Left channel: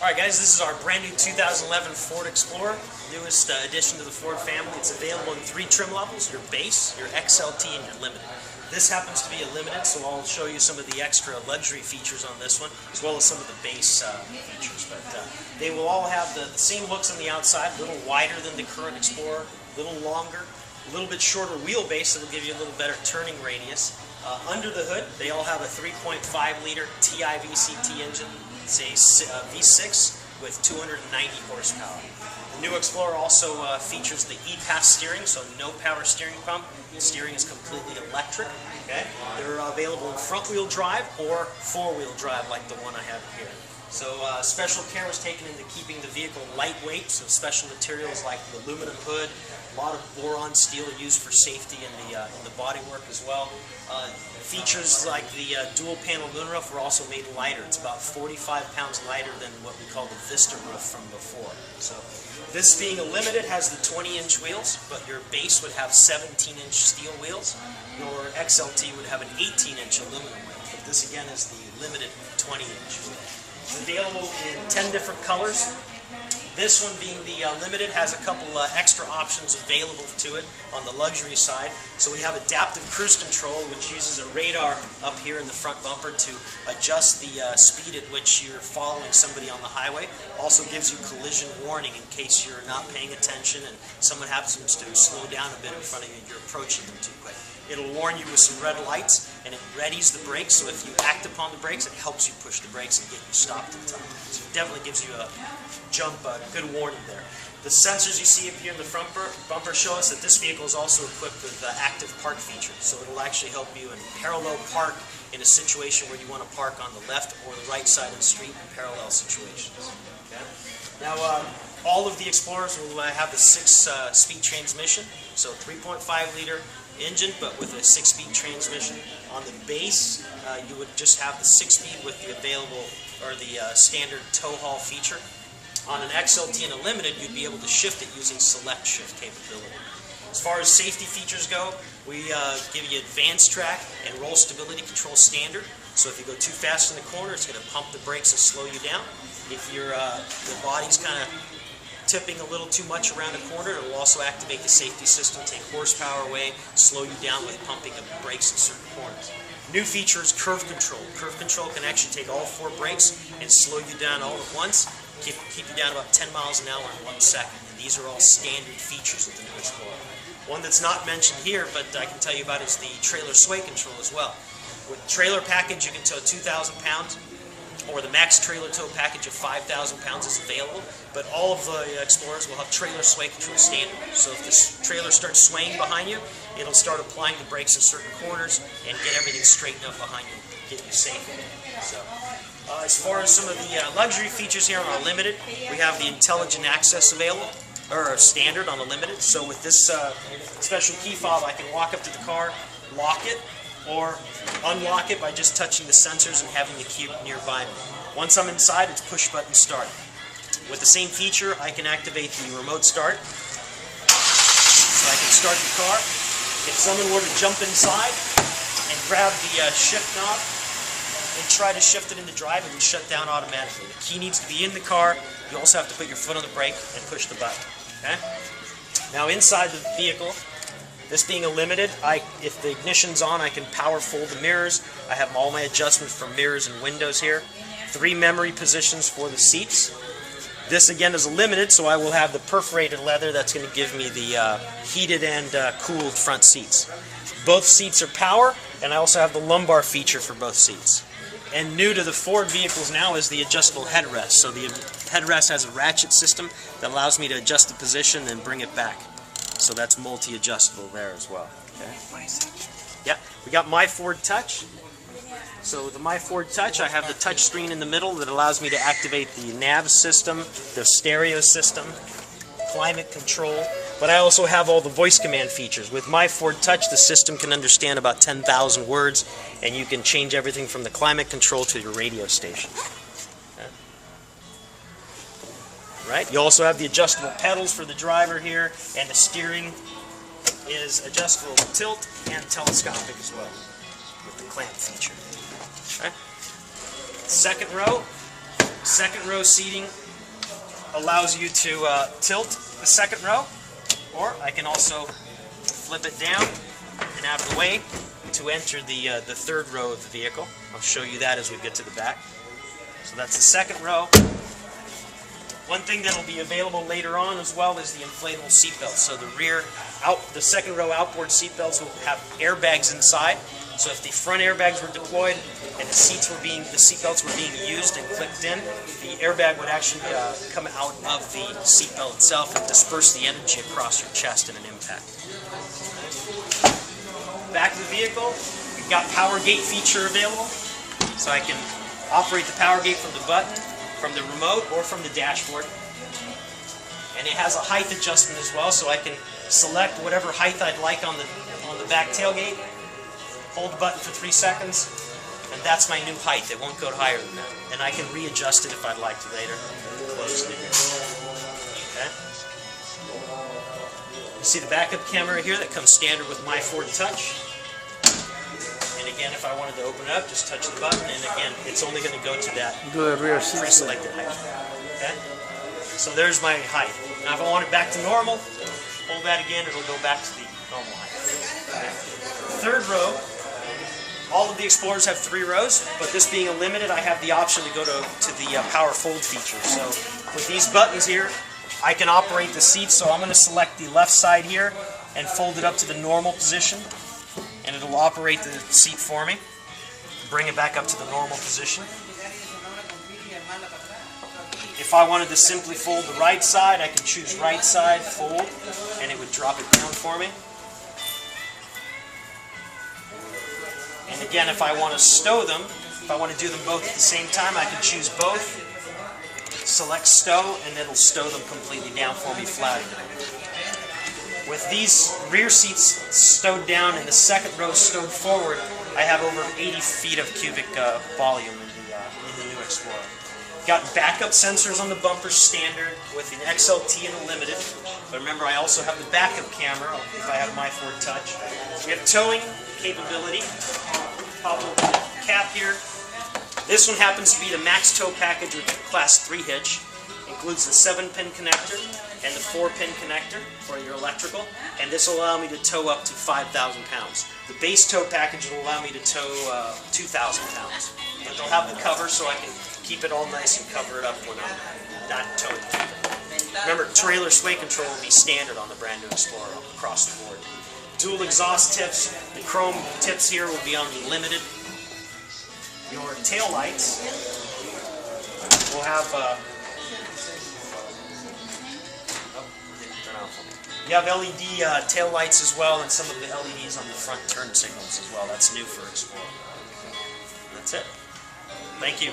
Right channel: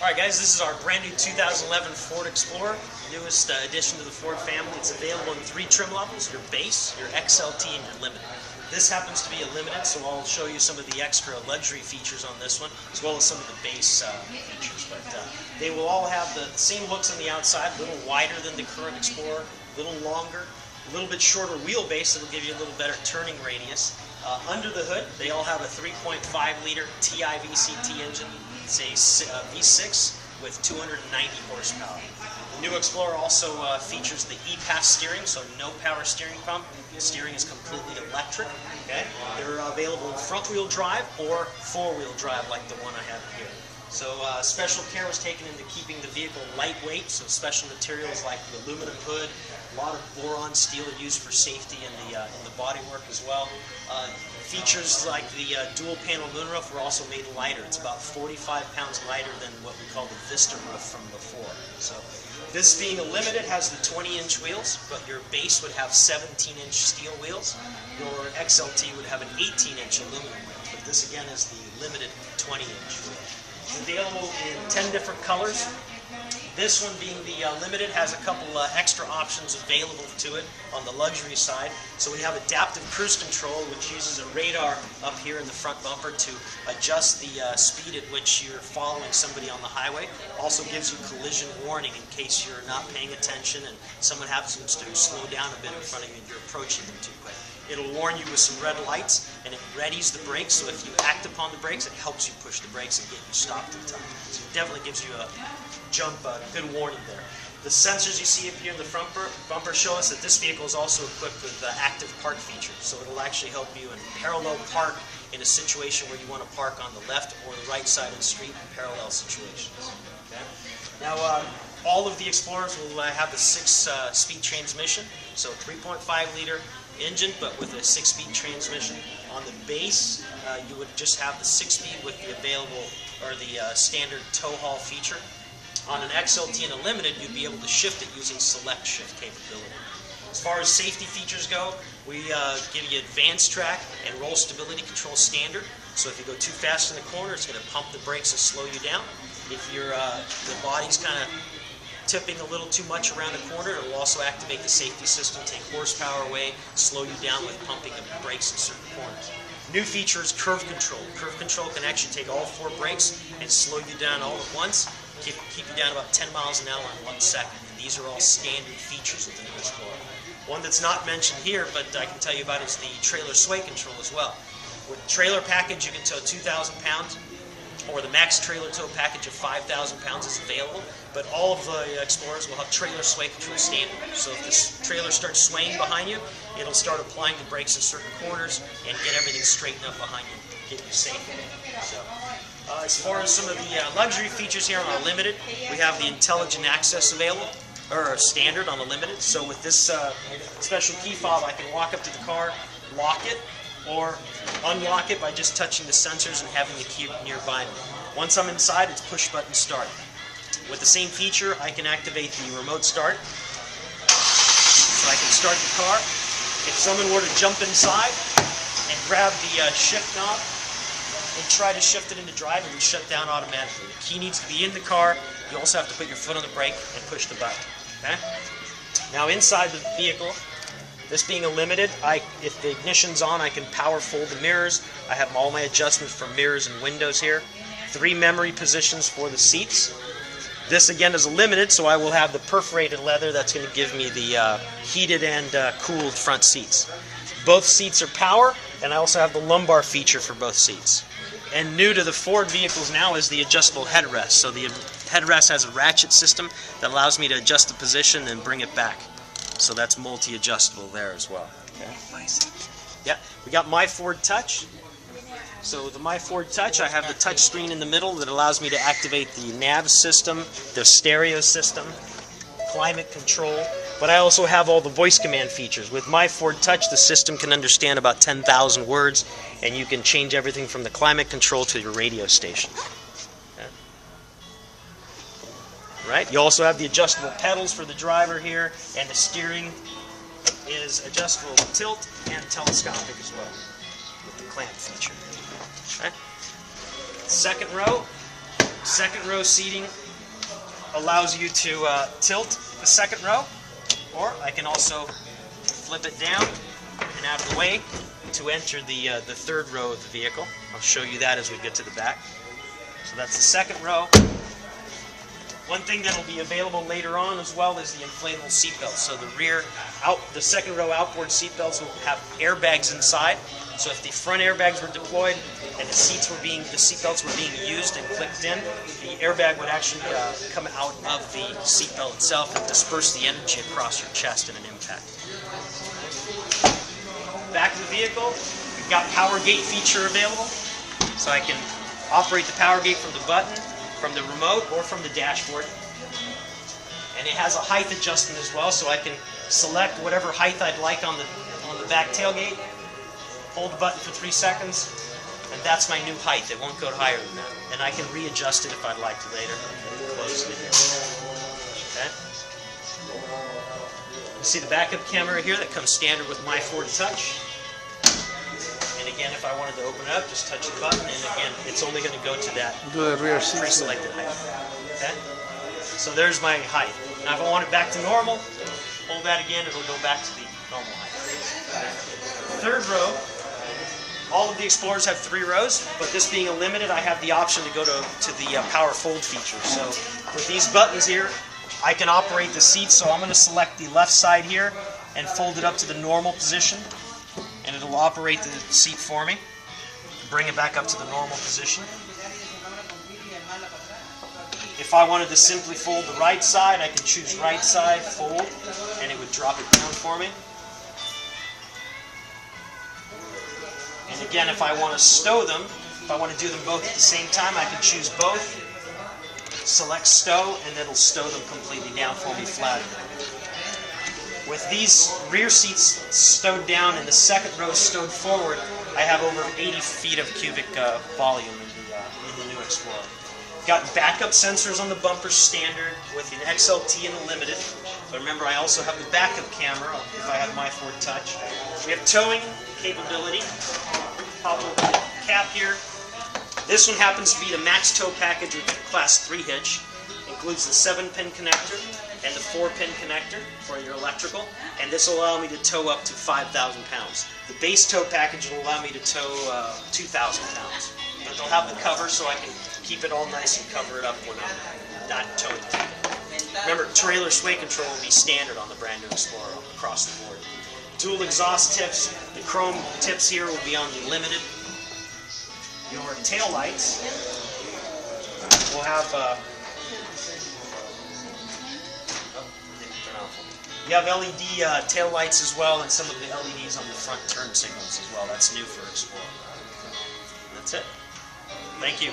Alright guys, this is our brand new 2011 Ford Explorer, newest addition to the Ford family. It's available in 3 trim levels, your base, your XLT, and your limited. This happens to be a limited, so I'll show you some of the extra luxury features on this one, as well as some of the base features. But they will all have the same looks on the outside, a little wider than the current Explorer, a little longer, a little bit shorter wheelbase that'll give you a little better turning radius. Under the hood, they all have a 3.5-liter TI VCT engine. It's a V6 with 290 horsepower. The new Explorer also features the e-Pass steering, so no power steering pump. The steering is completely electric. Okay? They're available in front-wheel drive or four-wheel drive like the one I have here. So special care was taken into keeping the vehicle lightweight, so special materials like the aluminum hood, a lot of boron steel are used for safety in the bodywork as well. Features like the dual panel moonroof were also made lighter. It's about 45 pounds lighter than what we call the Vista roof from before. So this being a limited has the 20-inch wheels, but your base would have 17-inch steel wheels. Your XLT would have an 18-inch aluminum wheel, but this again is the limited 20-inch wheel. It's available in 10 different colors. This one being the limited has a couple extra options available to it on the luxury side. So we have adaptive cruise control, which uses a radar up here in the front bumper to adjust the speed at which you're following somebody on the highway. Also gives you collision warning in case you're not paying attention and someone happens to slow down a bit in front of you and you're approaching them too quick. It'll warn you with some red lights, and it readies the brakes, so if you act upon the brakes, it helps you push the brakes and get you stopped in time. So it definitely gives you a good warning there. The sensors you see up here in the front bumper show us that this vehicle is also equipped with the active park feature, so it'll actually help you in parallel park in a situation where you want to park on the left or the right side of the street in parallel situations. Okay? Now, all of the Explorers will have the 6-speed transmission, so 3.5-liter engine, but with a 6-speed transmission. On the base, you would just have the 6-speed with the available or the standard tow haul feature. On an XLT and a limited, you'd be able to shift it using select shift capability. As far as safety features go, we give you AdvanceTrac and roll stability control standard. So if you go too fast in the corner, it's going to pump the brakes and slow you down. If the body's kind of tipping a little too much around the corner, it will also activate the safety system, take horsepower away, slow you down with pumping of brakes in certain corners. New feature is curve control. Curve control can actually take all 4 brakes and slow you down all at once, keep you down about 10 miles an hour in 1 second. And these are all standard features of the new Explorer. One that's not mentioned here, but I can tell you about, is the trailer sway control as well. With trailer package, you can tow 2,000 pounds. Or the max trailer tow package of 5,000 pounds is available, but all of the Explorers will have trailer sway control standard. So if this trailer starts swaying behind you, it'll start applying the brakes in certain corners and get everything straightened up behind you, get you safe. So, as far as some of the luxury features here on our limited, we have the intelligent access available, or standard on a limited. So with this special key fob, I can walk up to the car, lock it, or unlock it by just touching the sensors and having the key nearby me. Once I'm inside, it's push button start. With the same feature, I can activate the remote start. So I can start the car. If someone were to jump inside and grab the shift knob and try to shift it into drive, it would shut down automatically. The key needs to be in the car. You also have to put your foot on the brake and push the button. Okay? Now inside the vehicle, this being a limited, if the ignition's on, I can power fold the mirrors. I have all my adjustments for mirrors and windows here. 3 memory positions for the seats. This again is a limited, so I will have the perforated leather that's going to give me the heated and cooled front seats. Both seats are power, and I also have the lumbar feature for both seats. And new to the Ford vehicles now is the adjustable headrest. So the headrest has a ratchet system that allows me to adjust the position and bring it back. So that's multi-adjustable there as well. Okay. Yeah, we got MyFord Touch. So the MyFord Touch, I have the touch screen in the middle that allows me to activate the nav system, the stereo system, climate control, but I also have all the voice command features. With MyFord Touch, the system can understand about 10,000 words, and you can change everything from the climate control to your radio station. Right? You also have the adjustable pedals for the driver here, and the steering is adjustable tilt and telescopic as well with the clamp feature. Okay. Second row, Second row seating allows you to tilt the second row, or I can also flip it down and out of the way to enter the third row of the vehicle. I'll show you that as we get to the back. So that's the second row. One thing that will be available later on as well is the inflatable seat belts. So the second row outboard seat belts will have airbags inside. So if the front airbags were deployed and the seat belts were being used and clicked in, the airbag would actually come out of the seat belt itself and disperse the energy across your chest in an impact. Back of the vehicle, we've got power gate feature available. So I can operate the power gate from the button, from the remote, or from the dashboard. And it has a height adjustment as well, so I can select whatever height I'd like on the back tailgate, hold the button for 3 seconds, and that's my new height. It won't go higher than that. And I can readjust it if I'd like to later. Close it again. Okay. You see the backup camera here that comes standard with MyFord Touch. And again, if I wanted to open it up, just touch the button, and again, it's only going to go to that pre-selected height. Okay? So there's my height. Now if I want it back to normal, hold that again, it'll go back to the normal height. Third row, all of the Explorers have 3 rows, but this being a limited, I have the option to go to the power fold feature. So with these buttons here, I can operate the seats, so I'm going to select the left side here and fold it up to the normal position, and it'll operate the seat for me, bring it back up to the normal position. If I wanted to simply fold the right side, I can choose right side, fold, and it would drop it down for me. And again, if I want to stow them, if I want to do them both at the same time, I can choose both, select stow, and it'll stow them completely down for me flat. With these rear seats stowed down and the second row stowed forward, I have over 80 feet of cubic volume in the new Explorer. Got backup sensors on the bumper standard with an XLT and a limited. But remember, I also have the backup camera if I have MyFord Touch. We have towing capability. Pop open the cap here. This one happens to be the max tow package with the Class 3 hitch. Includes the 7-pin connector and the 4-pin connector for your electrical, and this will allow me to tow up to 5,000 pounds. The base tow package will allow me to tow 2,000 pounds. But they'll have the cover so I can keep it all nice and cover it up when I'm not towing anything. Remember, trailer sway control will be standard on the brand new Explorer across the board. Dual exhaust tips, the chrome tips here will be on the limited. Your tail lights will have you have LED tail lights as well, and some of the LEDs on the front turn signals as well. That's new for Explorer. That's it. Thank you.